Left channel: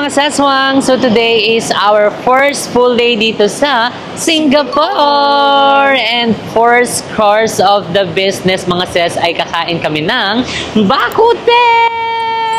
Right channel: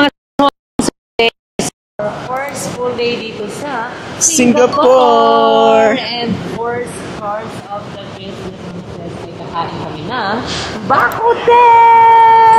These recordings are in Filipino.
mga saswang! So today is our first full day dito sa Singapore! And first course of the business mga ses ay kakain kami ng bakute!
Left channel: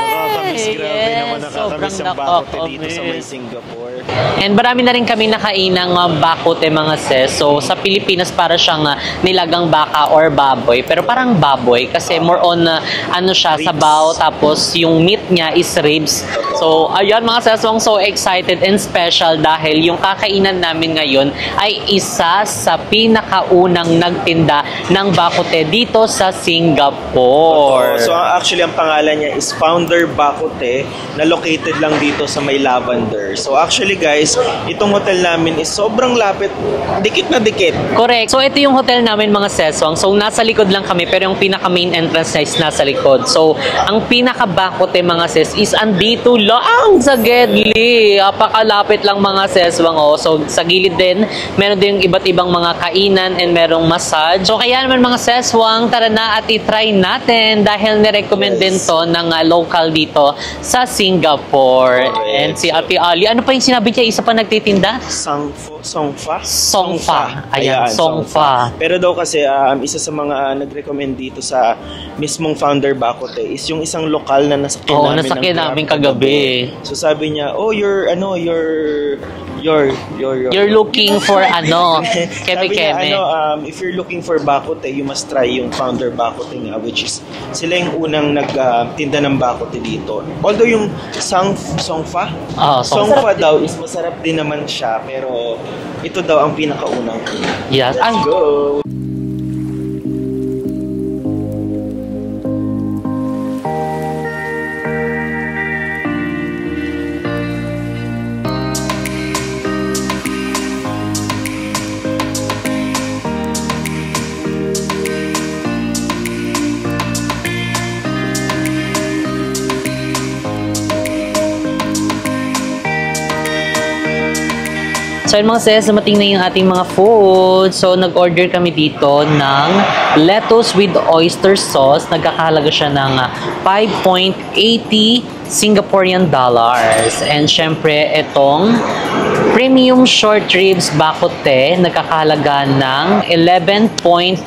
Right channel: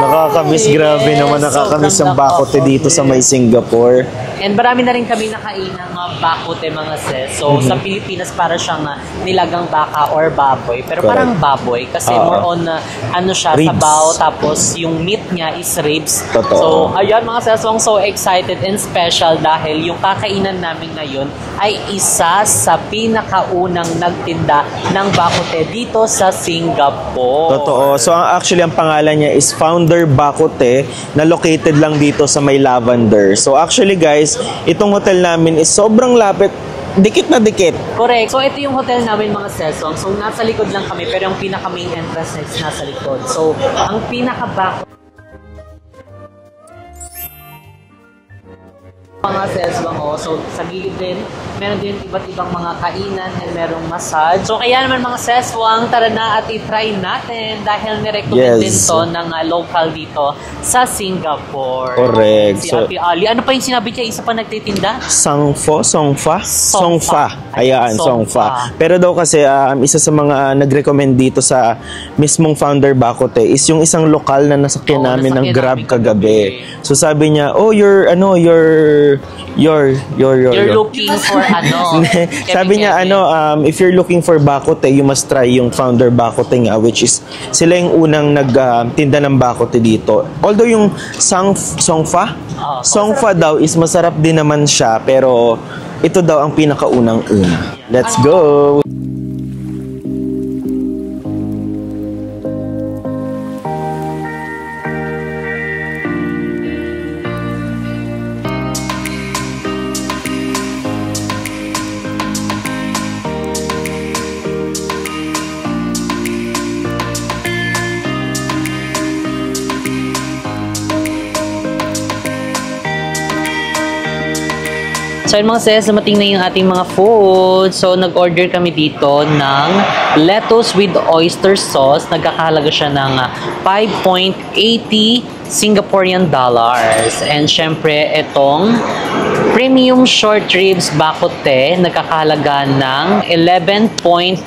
Nakakamiss, grabe naman, nakakamiss ang bakute dito sa may Singapore. And marami na rin kami nakain ng bakute mga ses. So sa Pilipinas parang siyang nilagang baka or baboy. Pero parang baboy kasi more on ano siya, ribs. sabaw. Tapos yung meat niya is ribs. Totoo. So ayun mga seswang, so excited and special dahil yung kakainan namin ngayon ay isa sa pinakaunang nagtinda ng bakute dito sa Singapore. Totoo. So actually ang pangalan niya is Founder Bakute na located lang dito sa may Lavender. So actually guys, itong hotel namin is sobrang lapit, dikit na dikit. Correct. So ito yung hotel namin mga seswang. So nasa likod lang kami pero yung pinaka main entrance is nasa likod. So ang pinaka bakute mga ses is andito lang sa Gedli. Apakalapit lang mga seswang. So sa gilid din, meron din iba't ibang mga kainan and merong massage. So kaya naman mga seswang, tara na at i-try natin dahil nirecommend din to ng local dito sa Singapore. Correct. And si Ate Ali, ano pa yung sinabi niya? Isa pa nagtitinda? Songfa. Ayan, Songfa. Pero daw kasi isa sa mga nag-recommend dito sa mismong Founder Bakute is yung isang lokal na nasakyan namin ng Grab kagabi. So sabi niya, "Oh, you're looking for ano?" Sabi niya if you're looking for bakute, you must try yung Founder Bakute nga, which is sila yung unang nagtinda ng bakute dito. Although yung Songfa daw is masarap din naman siya, pero ito daw ang pinakaunang una. Yeah. Let's go! So yun mga sis, dumating na yung ating mga food. So nag-order kami dito ng lettuce with oyster sauce. Nagkakahalaga siya ng 5.80 Singaporean dollars. And syempre itong premium short ribs bakute, nagkakahalaga ng 11.50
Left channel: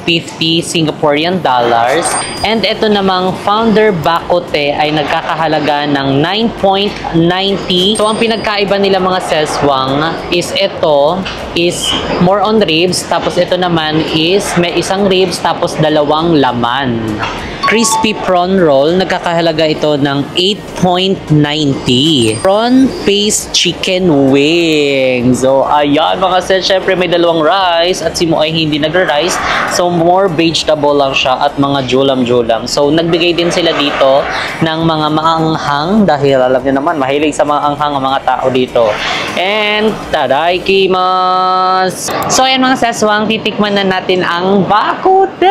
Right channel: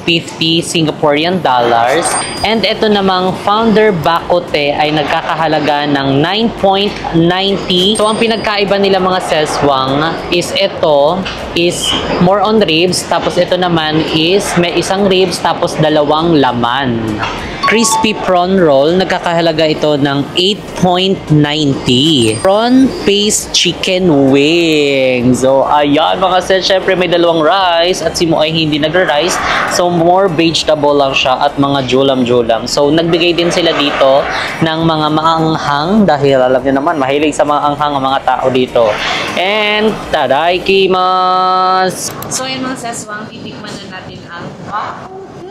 Singaporean dollars. And ito namang Founder Bakute ay nagkakahalaga ng 9.90. So ang pinagkaiba nila mga seswang is ito is more on ribs, tapos ito naman is may isang ribs tapos dalawang laman. Crispy prawn roll, nagkakahalaga ito ng 8.90. Prawn paste chicken wings. So, ayan mga sis, syempre may dalawang rice at si Mo ay hindi nagra-rice. So, more vegetable lang siya at mga julam-julam. So, nagbigay din sila dito ng mga maanghang dahil alam niyo naman, mahilig sa maanghang ang mga tao dito. And, tadaikimasu! So, ayan mga saswang, titikman na natin ang bakute!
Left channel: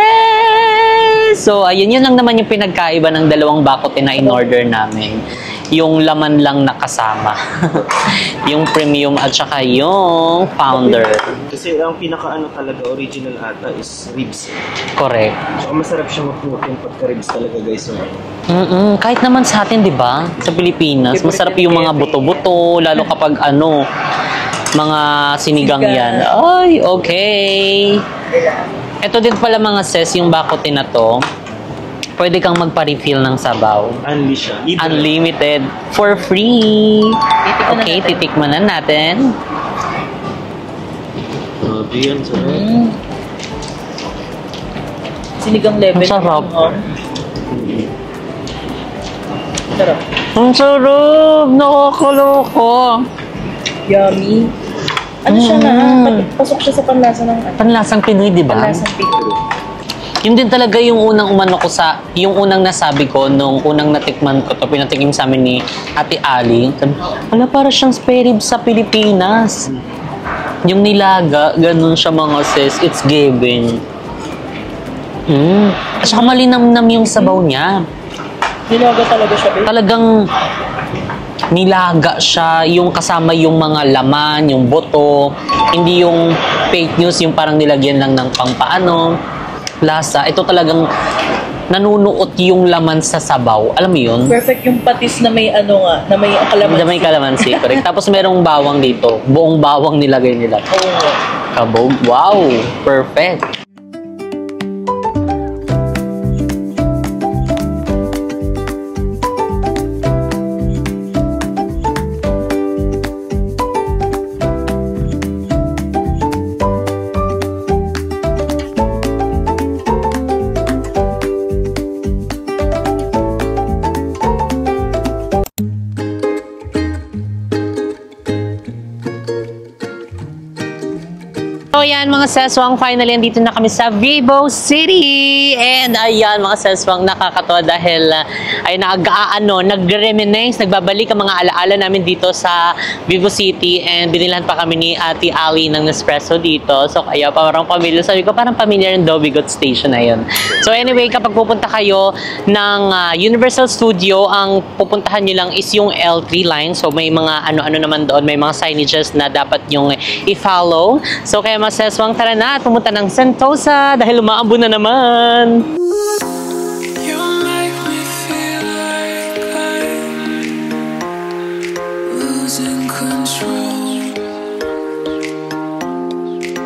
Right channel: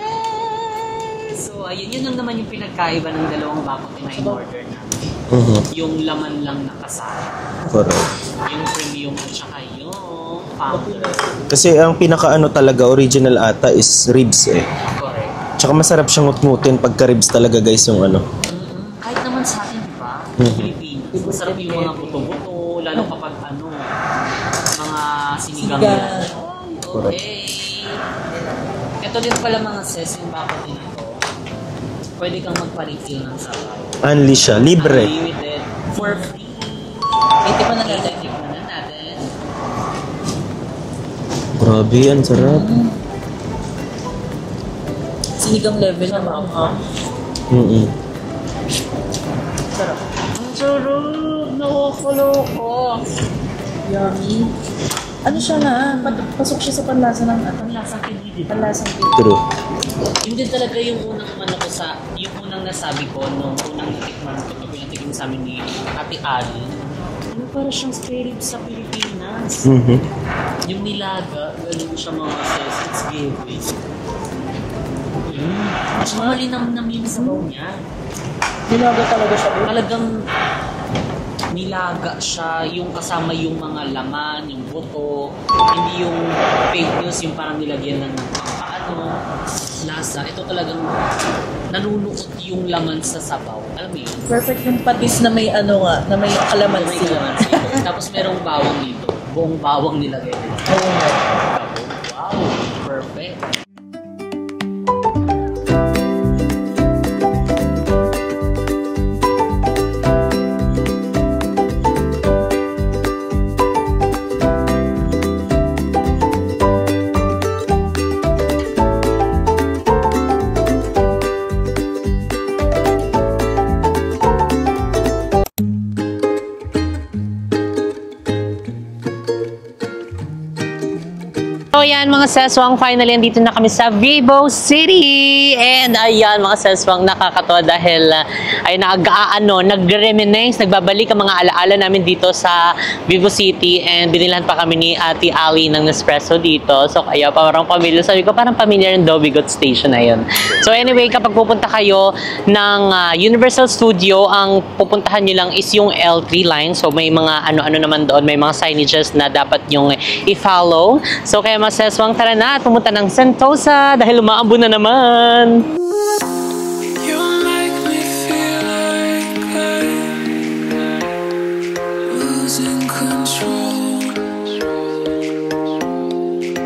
So, ayun, yun lang naman yung pinagkaiba ng dalawang bakute na in-order namin. Yung laman lang nakasama. Yung premium at saka yung Founder. Kasi ang pinaka-ano talaga, original ata is ribs eh. Correct. Tsaka masarap siyang utmutin pagka ribs talaga guys yung ano. Kahit naman sa atin, di ba? Sa Pilipinas, masarap yung mga buto-buto, lalo kapag ano, mga sinigang yan. Ay, okay. Ito din pala mga sis, yung bakute na to, pwede kang magpa-refill ng sabaw. Unli siya, libre. Unlimited, for free. Titikman na natin. Grabe yan, sarap. Sinigang level. Sarap. Sarap. Ang sarap! Nakakaloko! Yummy. Ano siya pasok siya sa panlasa ng Panlasang Pinoy, di ba? panlasang Pinoy. True. Yun din talaga yung unang umano ko sa, yung unang nasabi ko nung unang natikman ko to, pinatikim sa amin ni Ate Ali. Wala, para siyang spare ribs sa Pilipinas. Yung nilaga, ganun siya mga sis, it's given. At saka malinamnam yung sabaw niya. Nilaga talaga siya, babe. Talagang nilaga siya, yung kasama yung mga laman, yung buto, hindi yung fake news, yung parang nilagyan lang ng pangpaano, lasa. Ito talagang nanunuot yung laman sa sabaw. Alam mo yun? Perfect yung patis na may ano nga, na may kalamansi. May kalamansi, correct. Tapos merong bawang dito. Buong bawang nilagay nila. Oo nga. Kabog. Wow! Perfect. So yan mga seswang, finally andito na kami sa Vivo City. And ayan mga seswang, nakakatawa dahil ay nag-reminisce, nagbabalik ang mga alaala namin dito sa Vivo City. And binilan pa kami ni Ate Ali ng Nespresso dito. So kaya parang pamilya, sabi ko parang pamilya ng Dobigot Station na yun. So anyway, kapag pupunta kayo ng Universal Studio, ang pupuntahan nyo lang is yung L3 line. So may mga ano-ano naman doon, may mga signages na dapat yung i-follow. So kaya mga seswang, tara na at pumunta ng Sentosa dahil umaambo na naman. You make me feel like I'm losing control.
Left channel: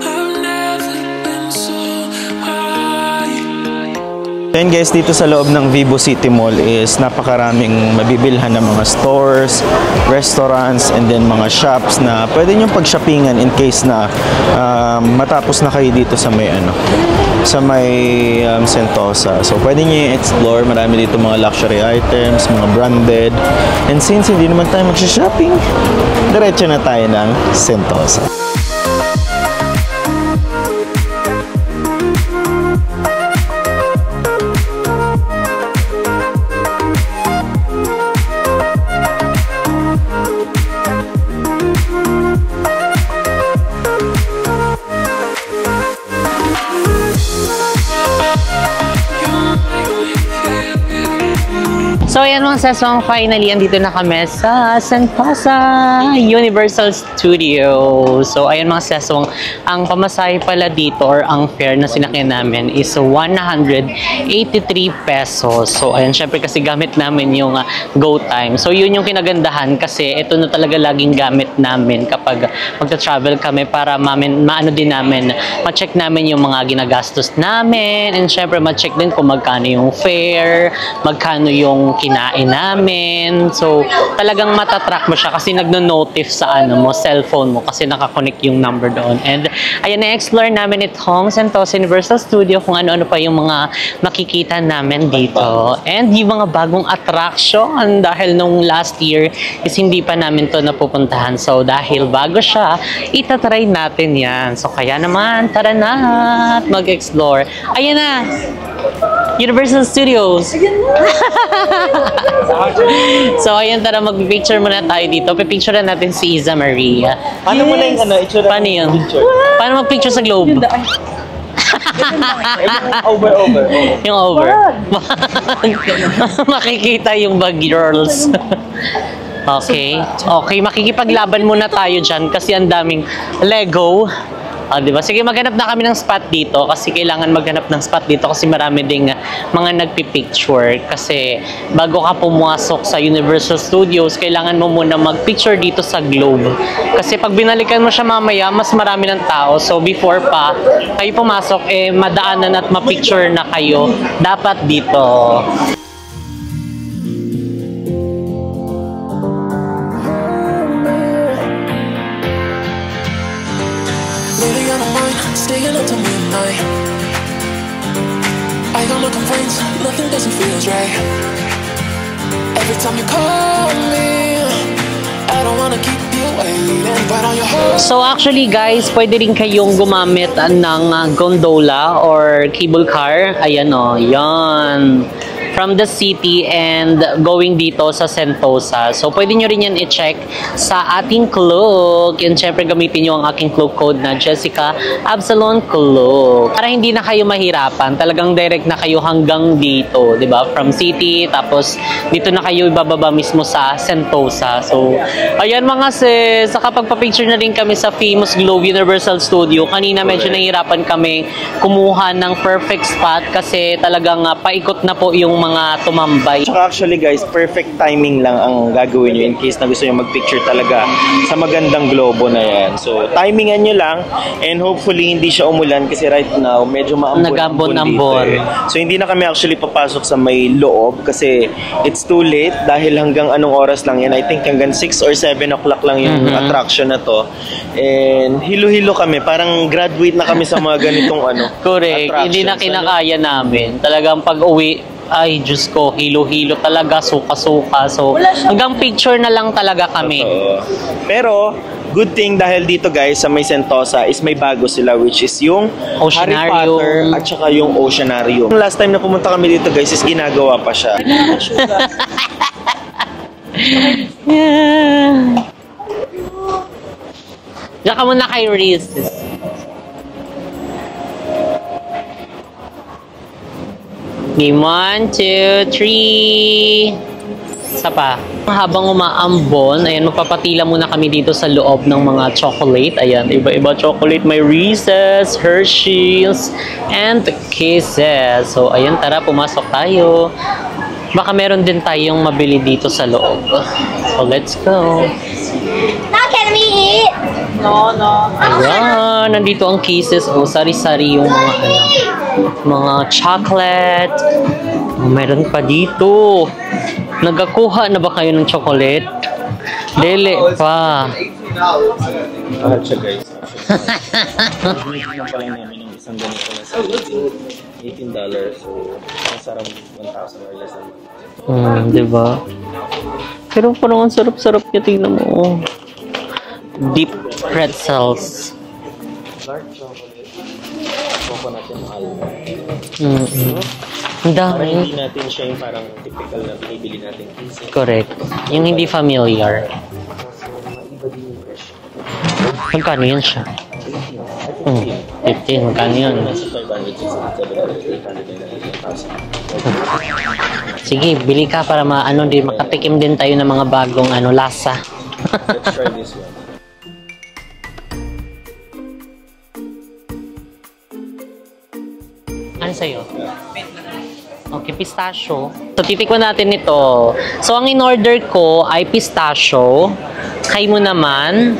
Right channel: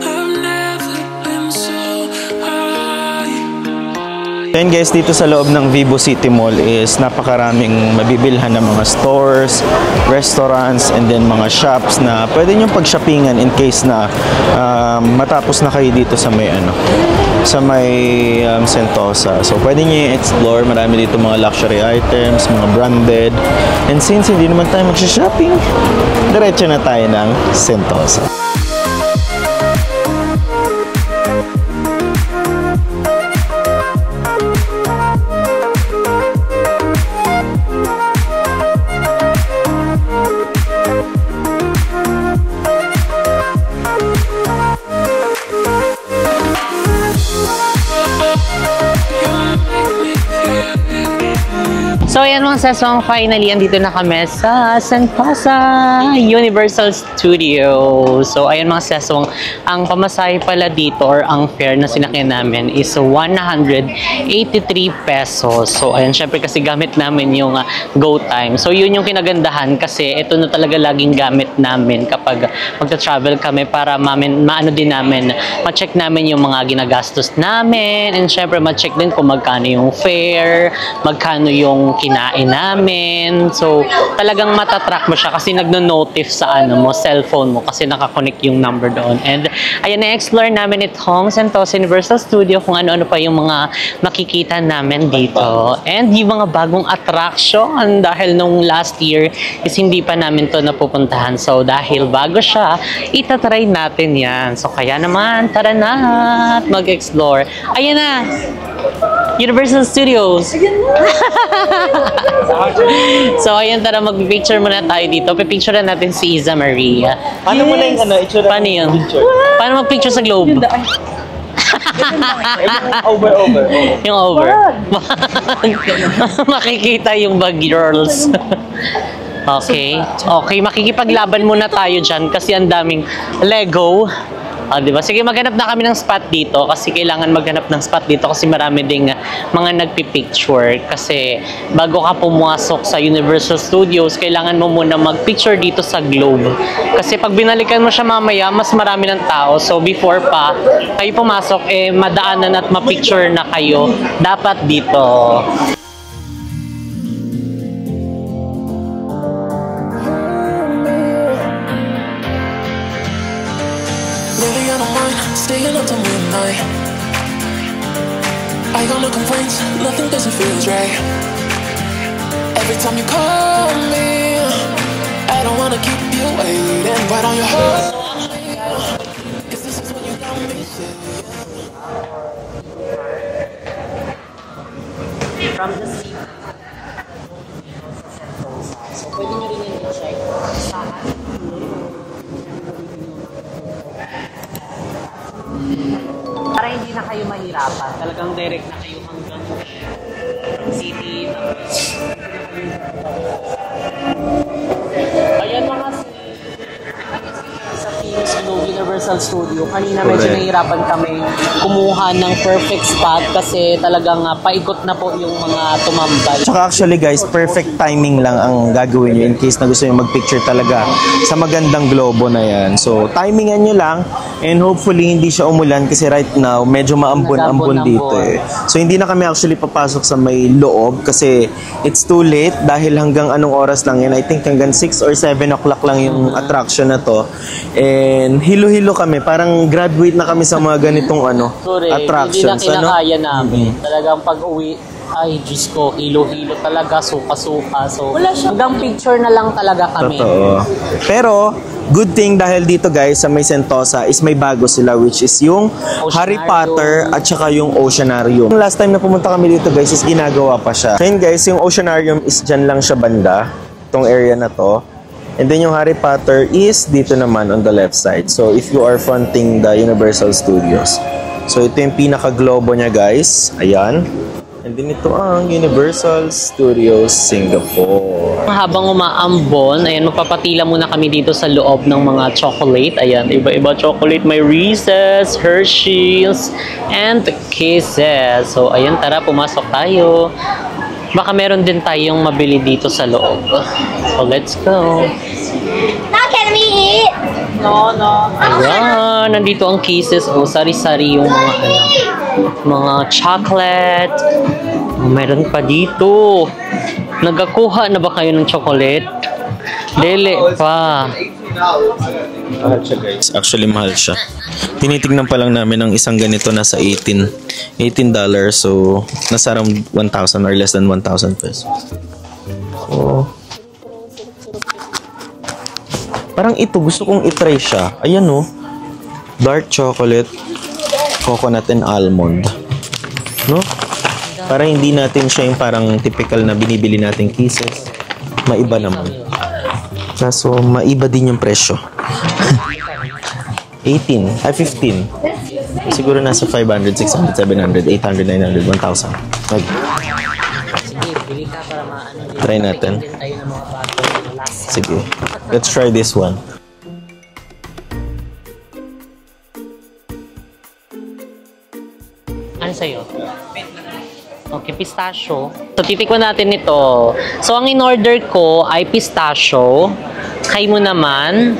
I've never been so high. Yan guys, dito sa loob ng Vivo City Mall is napakaraming mabibilhan ng mga stores, restaurants, and then mga shops na pwede nyo pag-shoppingan in case na matapos na kayo dito sa may Sentosa. So pwede nyo i-explore, marami dito mga luxury items, mga branded. And since hindi naman tayo mag-shopping, diretso na tayo ng Sentosa. So ayan mga seswang, finally andito na kami sa Sentosa Universal Studio. So ayan mga seswang, ang pamasahe pala dito or ang fare na sinakyan namin is 183 pesos. So ayan, syempre kasi gamit namin yung Go Time. So yun yung kinagandahan kasi ito na talaga laging gamit namin kapag magta-travel kami para maano din namin, ma-check namin yung mga ginagastos namin, and syempre ma-check din kung magkano yung fare, magkano yung kinain namin. So, talagang matatrack mo siya kasi nagno-notif sa mo, cellphone mo kasi nakakonect yung number doon. And ayan, na-explore namin itong Sentosa Universal Studio kung ano-ano pa yung mga makikita namin dito. And yung mga bagong attraction dahil nung last year is hindi pa namin to napupuntahan. So, dahil bago siya, itatry natin yan. So, kaya naman, tara na at mag-explore. Ayan na! Universal Studios! So, ayan, tara, mag-picture muna tayo dito. Pipicture na natin si Iza Maria. Paano mo na yung itsura? Paano yun? Paano mag-picture sa globe? Over. Yung over. Makikita yung bag girls. Okay. Okay, makikipaglaban muna tayo dyan kasi ang daming Lego. Diba? Sige, maghanap na kami ng spot dito kasi kailangan maghanap ng spot dito kasi marami ding mga nagpipicture. Kasi bago ka pumasok sa Universal Studios, kailangan mo muna magpicture dito sa globe. Kasi pag binalikan mo siya mamaya, mas marami ng tao. So, before pa kayo pumasok, madaanan at mapicture na kayo dapat dito. Lately I don't mind staying up till midnight. I got no complaints, nothing doesn't feel right. Every time you call me, I don't wanna keep you waiting, but on your heart. So actually guys, pwede rin kayong gumamit ng gondola or cable car. Ayan o, yan. from the city and going dito sa Sentosa. So, pwede nyo rin yan i-check sa ating Klook. Yan, syempre, gamitin nyo ang aking Klook code na Jessica Absalon Klook. Para hindi na kayo mahirapan, talagang direct na kayo hanggang dito, di ba? From city, tapos dito na kayo ibababa mismo sa Sentosa. So, ayan mga sis, nakapagpa-picture na rin kami sa famous Globe Universal Studio. Kanina medyo nahihirapan kami kumuha ng perfect spot kasi talagang paikot na po yung mga tumambay. Tsaka actually guys, perfect timing lang ang gagawin nyo in case na gusto nyo mag-picture talaga sa magandang globo na yan. So, timingan nyo lang and hopefully hindi siya umulan kasi right now medyo maambon-ambon dito eh. So, hindi na kami actually papasok sa may loob kasi it's too late dahil hanggang anong oras lang yan. I think hanggang 6 or 7 o'clock lang yung attraction na to. And hilo-hilo kami. Parang graduate na kami sa mga ganitong correct. attractions. Hindi na kinakaya namin. Talagang pag-uwi, ay, Diyos ko, hilo-hilo talaga, suka-suka. So, hanggang picture na lang talaga kami. Totoo. Pero, good thing dahil dito guys, sa may Sentosa, is may bago sila which is yung Harry Potter at saka yung Oceanarium. Last time na pumunta kami dito guys, is ginagawa pa siya. Ngayon guys, yung Oceanarium is dyan lang siya banda, itong area na to. And then yung Harry Potter is dito naman on the left side. So, if you are fronting the Universal Studios. So, ito yung pinaka-globo niya, guys. Ayan. Game 1, 2, 3. Universal Studios, Singapore. Sapa. Habang umaambon, ayan, magpapatila muna kami dito sa loob ng mga chocolate. Ayan, iba-iba chocolate. May Reese's, Hershey's, and Kisses. So, ayan, tara, pumasok tayo. Baka meron din tayong mabili dito sa loob. So, let's go. Now can we eat? No. Ayan, nandito ang Kisses. O, sari-sari yung mga chocolate. O, meron pa dito. Nagakuha na ba kayo ng chocolate? Dili pa. Mahal siya guys. Actually, mahal siya. Tinitignan pa lang namin ang isang ganito nasa $18. So, nasa around 1,000 or less than 1,000 pesos. Diba? Oh. Pero parang ang sarap-sarap niya. Tingnan mo. Parang ito, gusto kong itry siya. Ayan o. Dark chocolate, coconut and almond. No? Para hindi natin siya yung parang typical na binibili nating Kisses. Correct. Yung hindi familiar. Kaso, maiba din yung presyo. Magkano yun siya? 15. 15. Magkano Siguro yun? nasa 500, 600, 700, 800, 900, 1,000. Sige, bili ka para patikim din tayo ng mga bagong lasa. Sige. Let's try this one. Ano sa'yo? Okay, pistachio. So, titikman natin ito. So, ang in-order ko ay pistachio. Kay mo naman?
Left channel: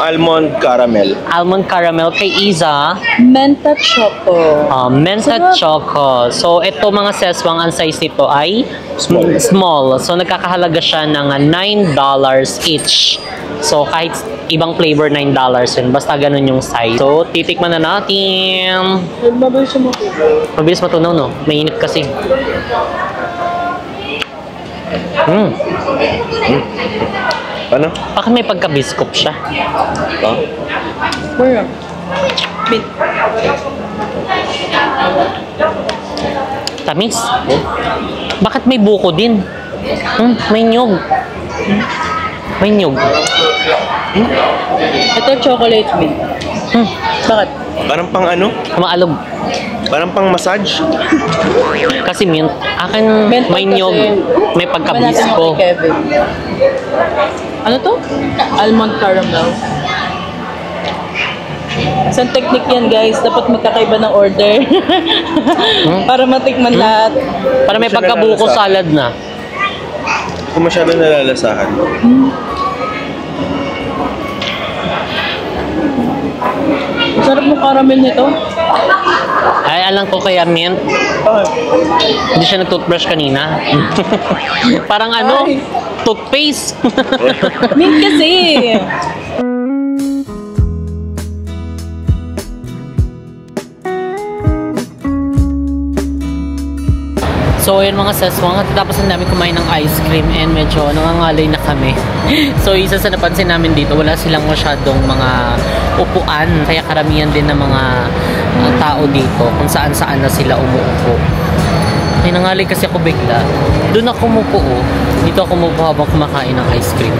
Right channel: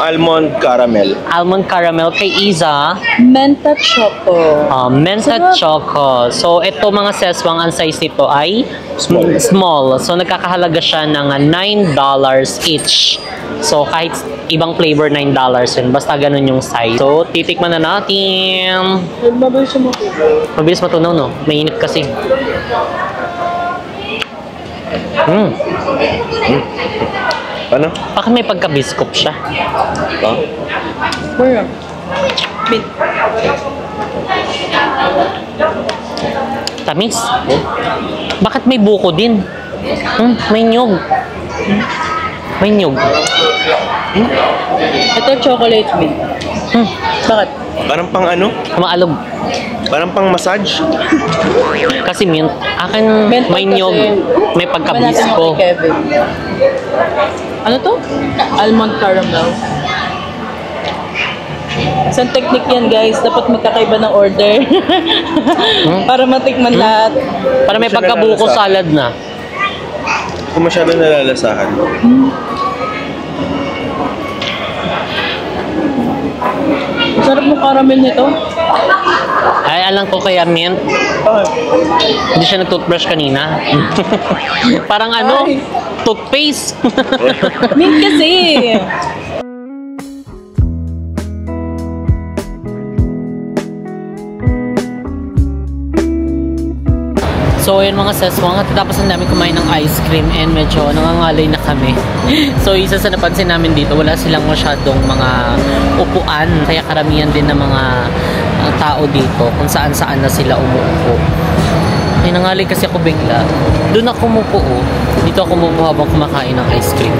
Almond caramel. Almond caramel. Kay Iza? Menta choco. Menta choco. So, ito mga seswang, ang size nito ay small. So, nagkakahalaga siya ng $9 each. So, kahit ibang flavor, $9 yun. Basta ganun yung size. So, titikman na natin. Mabilis siya matunaw. Mabilis matunaw, no? Mainit kasi. Ano? Bakit may pagka-biscuit siya? Where? Bit. Tamis. Bakit may buko din? May nyog. May nyog. Ito chocolate mint. Bakit? Parang pang Maalog. Parang pang massage. Kasi mint. Akin may nyog. May pagka-bisco. Ano to? Almond caramel. Isang technique yan guys. Dapat magkakaiba ng order. Para matikman lahat. Para may pagka-buko salad na. Kung masyado nalalasahan. Sarap ng caramel nito. Ay, alam ko kaya mint. Hindi siya nag-toothbrush kanina. Parang toothpaste. Mint kasi. So, yun mga seswang, at tapos na namin kumain ng ice cream and medyo nangangalay na kami. So, isa sa napansin namin dito, wala silang masyadong mga upuan. Kaya karamihan din ng mga tao dito kung saan-saan na sila umuupo. Ay, nangalay kasi ako bigla. Doon ako mupo, oh. Dito ako mupo habang kumakain ng ice cream.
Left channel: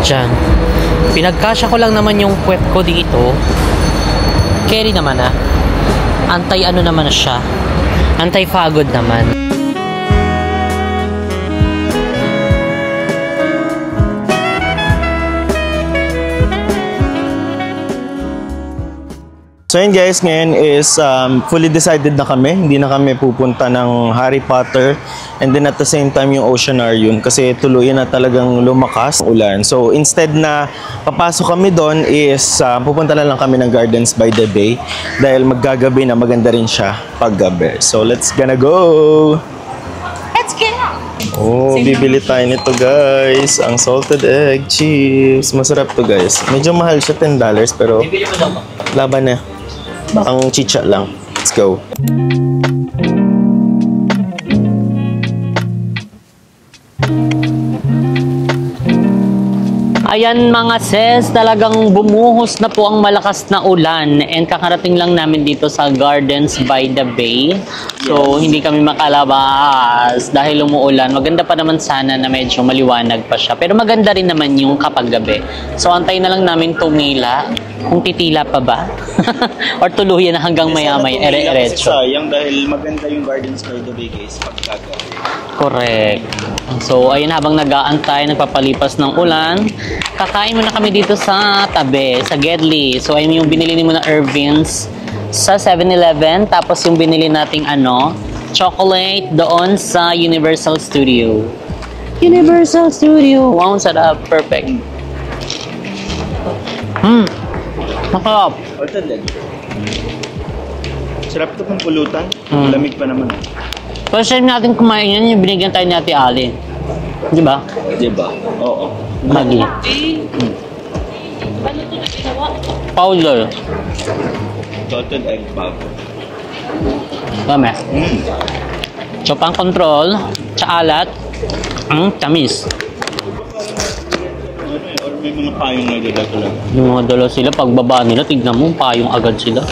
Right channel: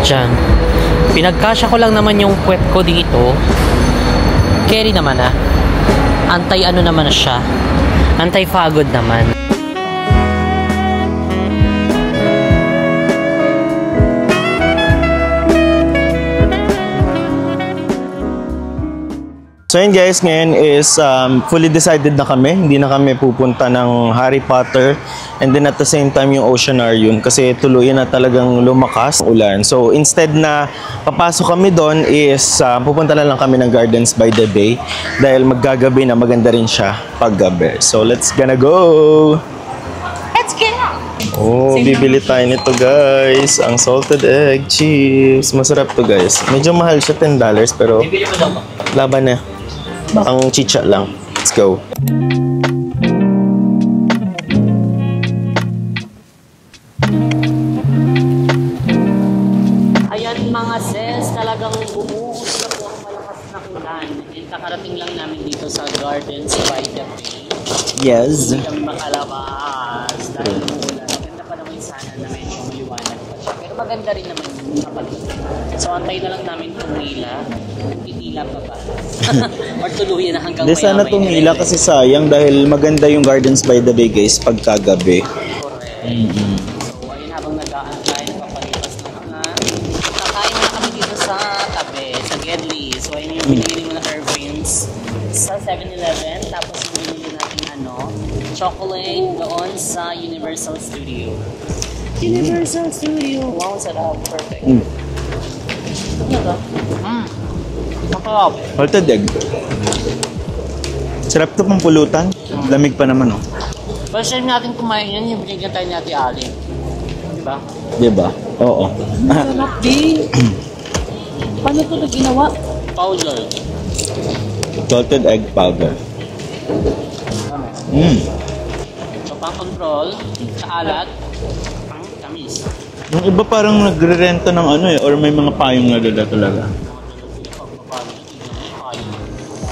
Diyan. Pinagkasya ko lang naman yung puwet ko dito. Carry naman, ah. Antay ano naman na siya. Antay pagod naman. So yun guys, ngayon is fully decided na kami. Hindi na kami pupunta ng Harry Potter and then at the same time yung Oceanarium kasi tuluyan na talagang lumakas ang ulan. So instead na papasok kami doon is pupunta na lang kami ng Gardens by the Bay dahil maggagabi na, maganda rin siya paggabi. So let's gonna go! Let's get out. Oh, bibili tayo nito guys. Ang salted egg chips. Masarap to guys. Medyo mahal siya, $10 pero laban na. Ang chicha lang. Let's go. Ayan mga sis, talagang bumuhos na po ang malakas na ulan and kakarating lang namin dito sa Gardens by the Bay. So, hindi kami makalabas dahil umuulan. Maganda pa naman sana na medyo maliwanag pa siya. Pero maganda rin naman yung kapag gabi. So, antay na lang namin tumila. Kung titila pa ba? Or tuluyan na hanggang maya-may. Sana tumila kasi sayang dahil maganda yung Gardens by the Bay guys pagkagabi. Correct. So, ayun, habang nag-aantay, nagpapalipas ng ulan, kakain muna kami dito sa tabi, sa Gedli. So, ayun yung binili mo na Irvins sa 7-Eleven. Tapos yung binili nating chocolate doon sa Universal Studio. Universal Studio. Wow, sarap. Perfect. Masarap. Salted egg. Sarap to pang pulutan. Lamig pa naman oh. First time natin kumain yan, yung binigyan tayo ni Ate Ali. Di ba? Di ba? Oo. Paano ito na ginawa? Powder. Salted egg powder. Dami. So, pang control, tsaalat, ang tamis. Yung iba parang nagre-renta ng or may mga payong na dala talaga. Yung mga dala sila, pagbaba nila, tignan mo, payong agad sila.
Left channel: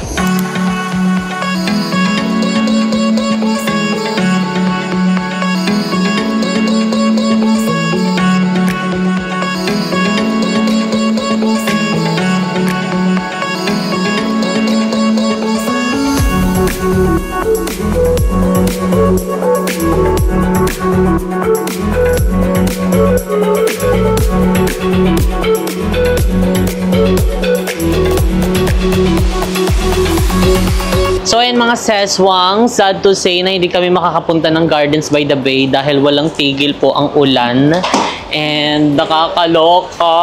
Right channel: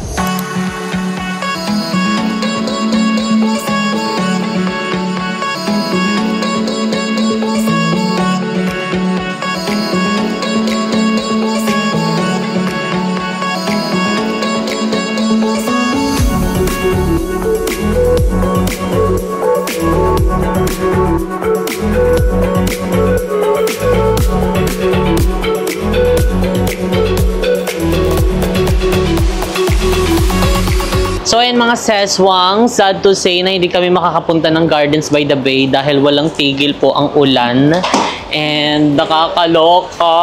So ayan mga seswang, sad to say na hindi kami makakapunta ng Gardens by the Bay dahil walang tigil po ang ulan. And nakakaloka.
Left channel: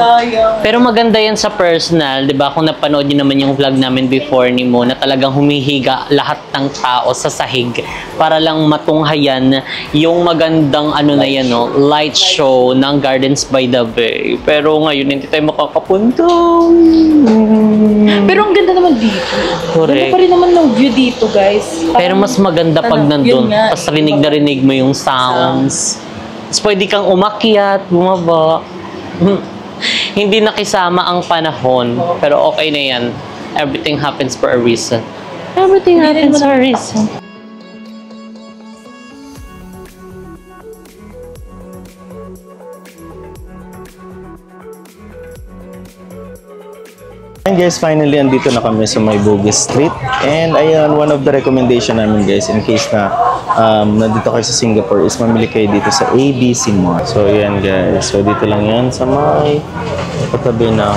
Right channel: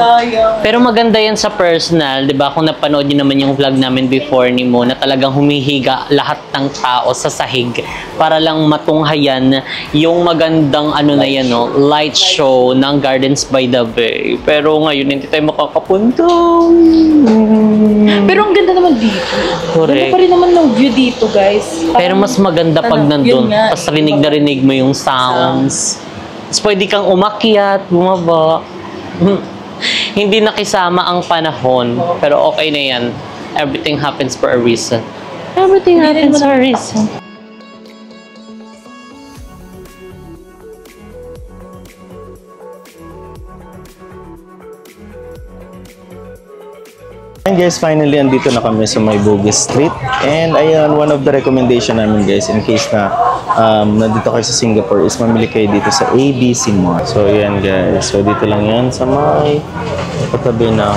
Sayang. Pero maganda yan sa personal, di ba? Kung napanood niyo naman yung vlog namin before ni Mo na talagang humihiga lahat ng tao sa sahig para lang matunghayan yung magandang na yan, light show ng Gardens by the Bay. Pero ngayon hindi tayo makakapunta. Pero ang ganda naman dito. Correct. Ganda pa rin naman ng view dito, guys. Pero mas maganda pag nandun. Yun nga. Tapos rinig na rinig mo yung sounds. Tapos pwede kang umakyat, bumaba. Hindi nakisama ang panahon. Pero okay na yan. Everything happens for a reason. Everything happens for a reason. And guys, finally, andito na kami sa may Bugis Street. And ayun, one of the recommendation namin guys, in case na nandito kayo sa Singapore, is mamili kayo dito sa ABC Mall. So ayan guys, so dito lang yan sa may katabi ng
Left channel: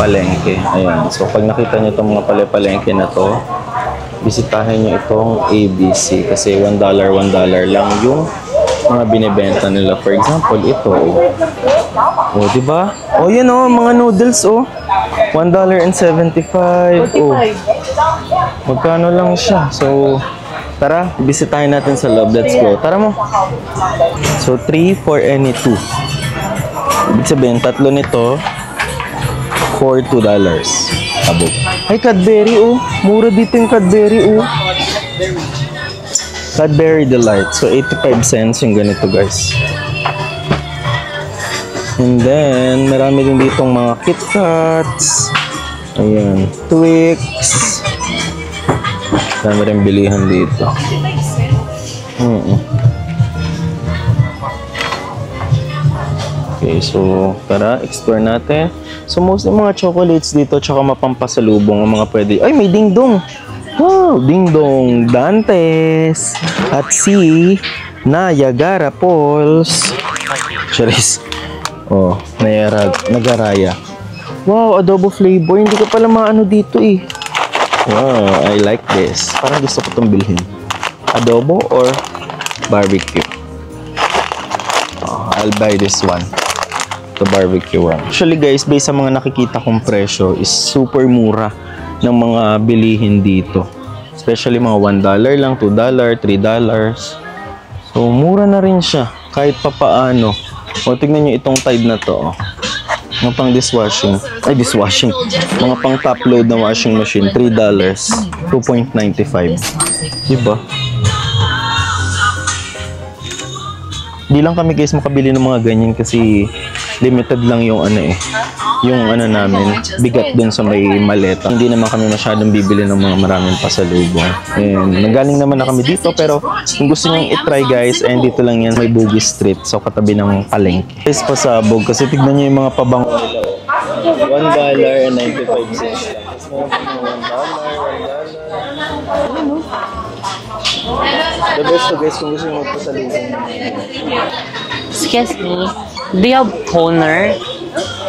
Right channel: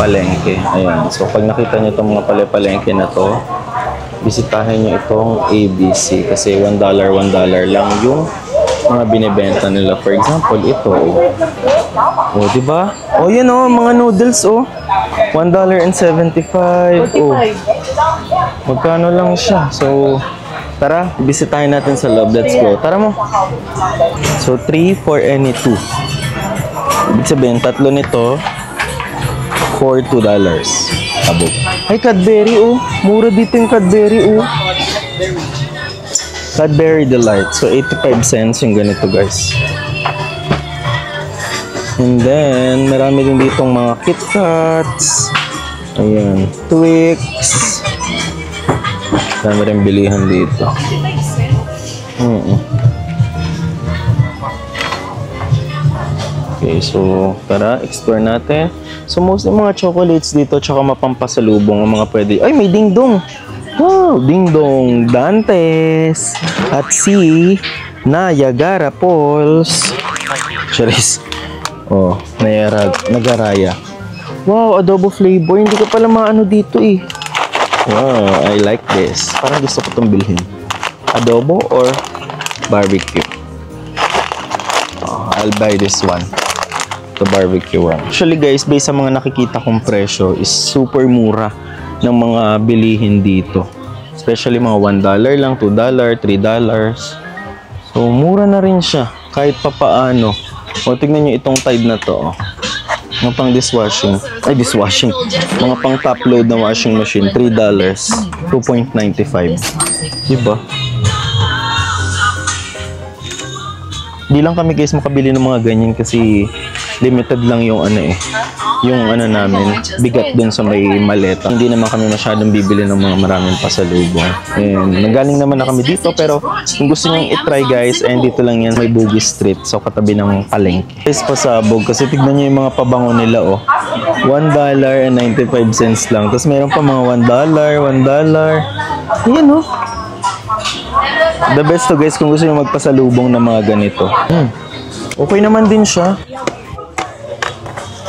palengke. Ayan, so pag nakita nyo itong mga palengke na to, bisitahin nyo itong ABC kasi $1 lang yung mga binibenta nila. For example, ito. Oh, di ba? Oh, yan oh, mga noodles oh. $1.75. Oh. Magkano lang siya? So, tara, bisitahin natin sa loob. Let's go. Tara mo. So, 3 for any 2. Ibig sabihin, tatlo nito for $2. Abo. Ay, Cadbury oh. Mura dito yung Cadbury oh. Cadbury Delight. So, 85 cents yung ganito guys. And then, marami din ditong mga KitKats. Ayan. Twix. Dami rin bilihan dito. Okay, so tara, explore natin. So mostly mga chocolates dito, tsaka mapampasalubong ang mga pwede. Ay, may dingdong! Wow, dingdong Dantes at si Niagara Falls. Charis. Oh, Nagaraya. Wow, adobo flavor. Hindi ko pala maano dito eh. Wow, I like this. Parang gusto ko itong bilhin. Adobo or barbecue? Oh, I'll buy this one. The barbecue one. Actually guys, based sa mga nakikita kong presyo is super mura ng mga bilihin dito. Especially mga $1 lang, $2, $3. So, mura na rin siya. Kahit papaano. O, tignan nyo itong Tide na to. Oh. Mga pang dishwashing. Ay, dishwashing. Mga pang top load na washing machine. $3. 2.95. Diba? Di lang kami guys makabili ng mga ganyan kasi limited lang yung namin, bigat dun sa may maleta. Hindi naman kami masyadong bibili ng mga maraming pasalubong. And nagaling naman na kami dito, pero kung gusto nyo i-try guys, and dito lang yan, may Bugis Street, so katabi ng palengke. Guys, pasabog, kasi tignan nyo yung mga pabango nila, oh. $1.95 lang. Tapos meron pa mga $1. Yan, oh. The best to guys kung gusto nyo magpasalubong ng mga ganito. Okay naman din siya. Do you have toner?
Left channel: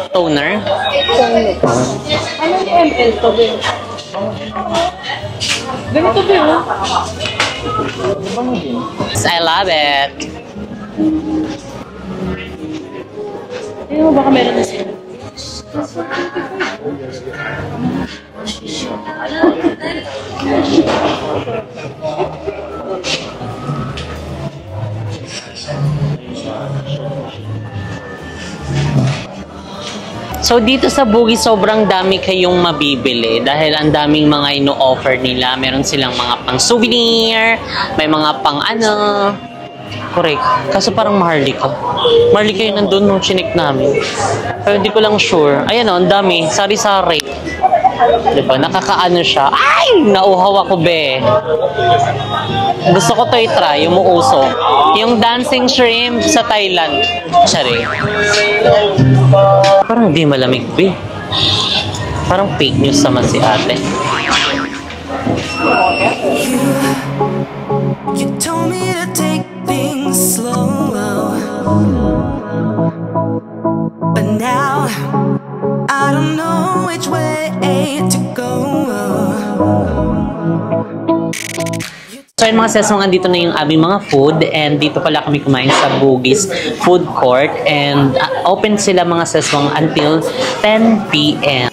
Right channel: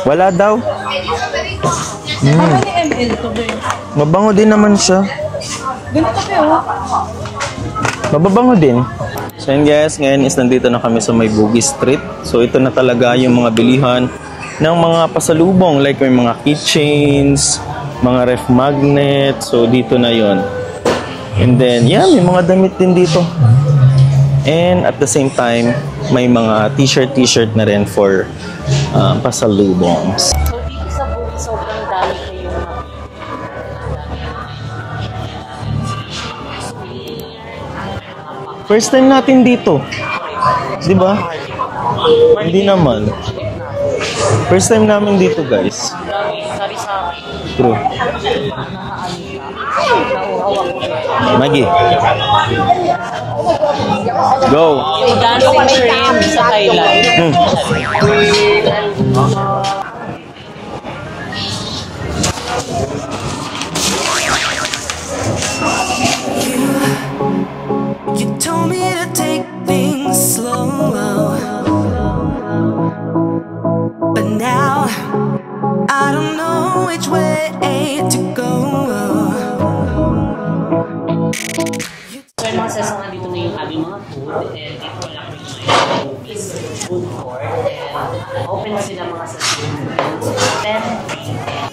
Wala daw. Ano ni ML to din? Mabango din naman siya. Ganito din, ha? Mababango din. I love Yes, it. ngayon is nandito na kami sa may Bugis Street. So ito na talaga yung mga bilihan ng mga pasalubong. Like may mga keychains, mga ref magnet. So dito na yon. And then, yeah, may mga damit din dito. And at the same time, may mga t-shirt na rin for pasalubong. So dito sa Bugis, sobrang dami kayong mabibili dahil ang daming mga ino-offer nila. Meron silang mga pang souvenir, may mga pang First time natin dito. Correct. Kaso Diba? parang Maharlika. Maharlika Hindi yung naman. nandun nung chinik namin. First Pero time hindi ko lang namin dito, sure. guys. Ayan o, ang dami. Sari-sari. True. Diba? Nakakaano siya. Ay! Nauhaw ako, be. Maggie. Gusto ko to i-try, yung muuso. Go. Yung dancing shrimp sa Thailand. Sorry. Parang hindi malamig, be. Parang fake news naman si ate. You told me to take things slow, but now I don't know which way to go. So yun mga sis, andito na yung aming mga food and dito pala kami kumain sa Bugis Food Court and open sila mga sis until 10 p.m.